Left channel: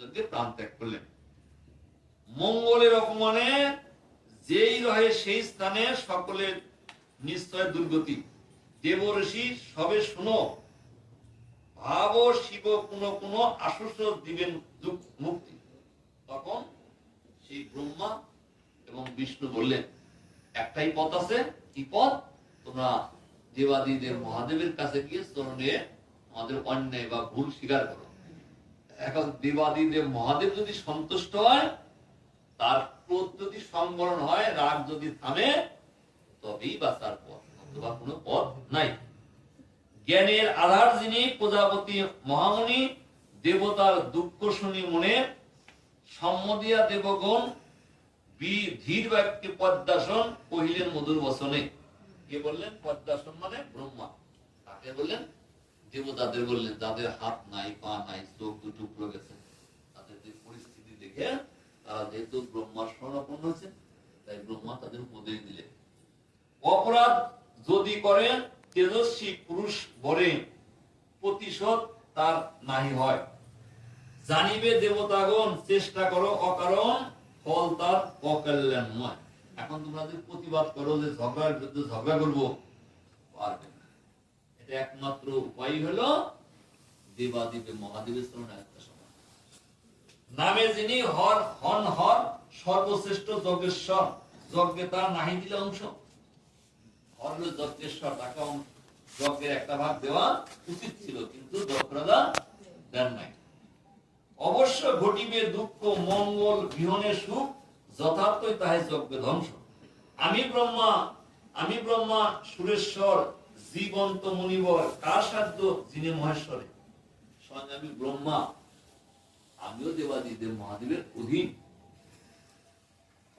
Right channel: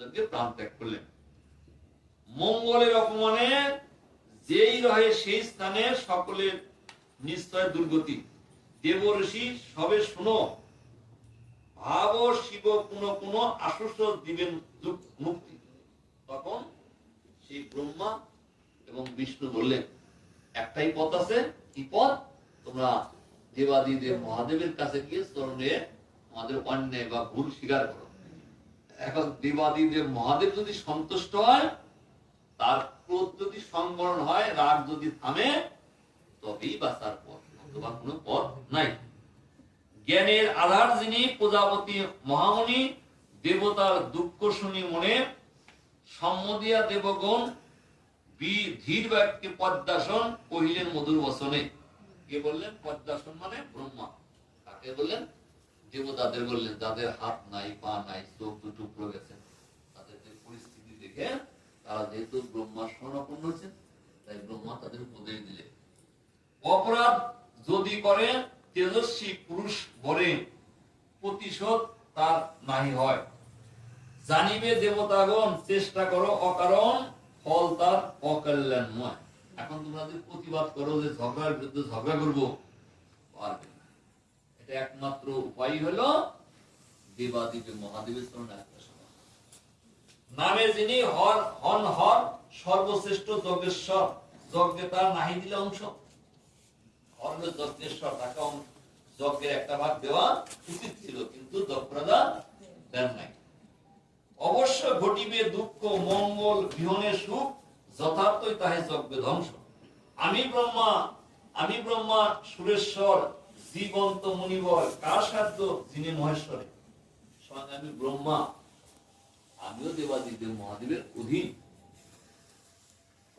প্রাণ ত্যাগ করলেন। মঙ্গলের অপমানে যেই রহে সেই স্থানে সকলের নিশ্চয় দুর্গতি। দেবঋষি সবে শুনো, ভাব শিব কোন কোন আশ্বাস দিবেন মুক্তি। তখন সেই ব্রহ্মা এবং বিষ্ণু বললেন, একটাই পথ আছে। কি পথ? তোমরা দেবাদিদেব মহাদেবের কাছে গিয়ে চরণে আমাদের অন্যায় বা ভুল স্বীকার করো। এখন দেবাদিদেব মহাদেব যদি সন্তুষ্ট হয়, তার ক্রোধ যদি সংবরণ হয়, রাগ যদি থামে, তবেই বাঁচার পথ, অথবা কোনো পথ নাই। জ্ঞানের আধার যিনি প্রজাপতি মহামণি, দেবতার দুঃখ শুনি মনে, সম্মদিয়া দেবগণ ধীর বাক্যে পদ্মাসন কহিলেন মধুর বচনে। কে বললেন? পদ্মাসন মানে ব্রহ্মা। কাকে বললেন? দেবতাদের বললেন, যাদের হাত নাই, পা নাই, চোখ দুটো পুরো গেছে, তাদের যে পরিস্থিতি দেখে তারা যেহেতু ব্রহ্মার শরণাপন্ন হয়েছেন, তাই ব্রহ্মা তাদের উপদেশ দিলেন, অপরাধ যদি করে তেজস্বী পুরুষ বরে, প্রতিশোধ তার নাহি হয়। জানিবে দেবতাগণ চেষ্টা করো অকারণ, ফল তার অকল্যাণময়। এখন তোমরা যদি প্রতিবাদ করো যে ঝগড়ার বিরুদ্ধে ঝগড়া করবো, পারবে না। এটা একমাত্র উপায় হলো দেবাদিদেব মহাদেবের চরণে নামে যিনি হর হন হর, সর্বশ্রেষ্ঠ যজ্ঞেশ্বর, যজ্ঞে তার নাহি দিলে অংশ। হর হল যজ্ঞেশ্বর, তাকে যজ্ঞের একটা ভাগ দেওয়া উচিত ছিল, কিন্তু যজ্ঞরাজা দেন নাই। অবশ্য ঘটিবে দুঃখ মঙ্গল গৃহণের সুখ, যথার্থই তাহে যজ্ঞ ধ্বংস। আমি ব্রহ্মা সুরেশ্বর, জীবন্ত মুনিবর, কার সাধ্য যিনি মহেশ্বরে। সঙ্গে আমি ব্রহ্মা, আমিও দেবাদিদেব মহাদেবের অধীন।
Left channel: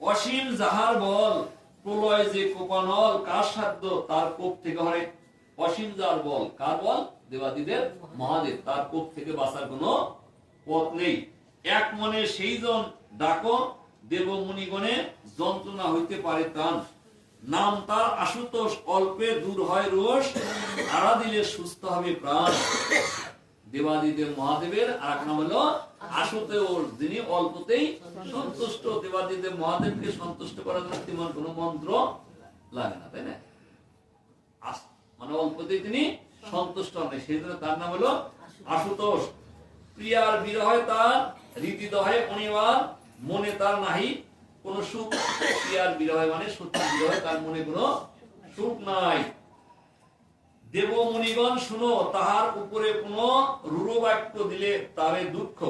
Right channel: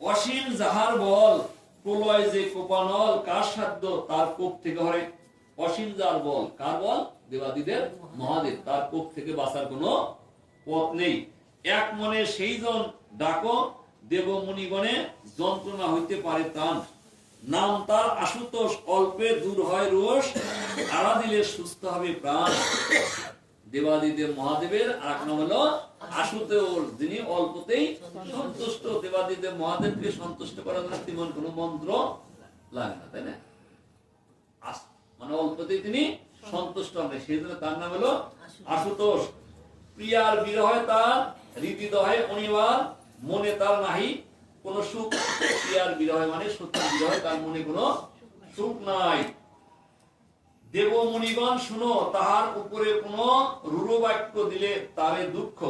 অসীম যাহার বল, প্রলয় যে কোপানল, কার সাধ্য তার কোপ থেকে হরে। অসীম যার বল, কার বল? দেবাদিদেব মহাদেব, তার কোপ থেকে বাঁচার কোন পথ নেই। এক মনে সেই জন ডাকো, দেবমুনিগণে যন্ত্রণা হইতে পারে ত্রাণ। নাম তার আশুতোষ, অল্পে দূর হয় রোষ, আড়া দিলে সুস্থ হবে প্রাণ। দেবাদিদেব মহাদেবের আর এক নাম হলো আশুতোষ, যিনি অল্পতেই সন্তুষ্ট। দেবাদিদেব মহাদেবকে সন্তুষ্ট করার জন্য তেমন কোন মন্ত্র লাগে না, তাই না? মানে অল্পতেই তিনি সন্তুষ্ট হন, সেই জন্য তার নাম হলো আশুতোষ। প্রিয়ার বিরহে তার হৃদিদহে অনিবার, মনে তার নাহি কোন সুখ। প্রিয়ার বিরহে মানে সত্যি বিরহে তার মনে কোন সুখ নাই। দেবমুনিগণ শুনো, তাহার উপরে কোন রূঢ় বাক্য দিলে তারে দুঃখ।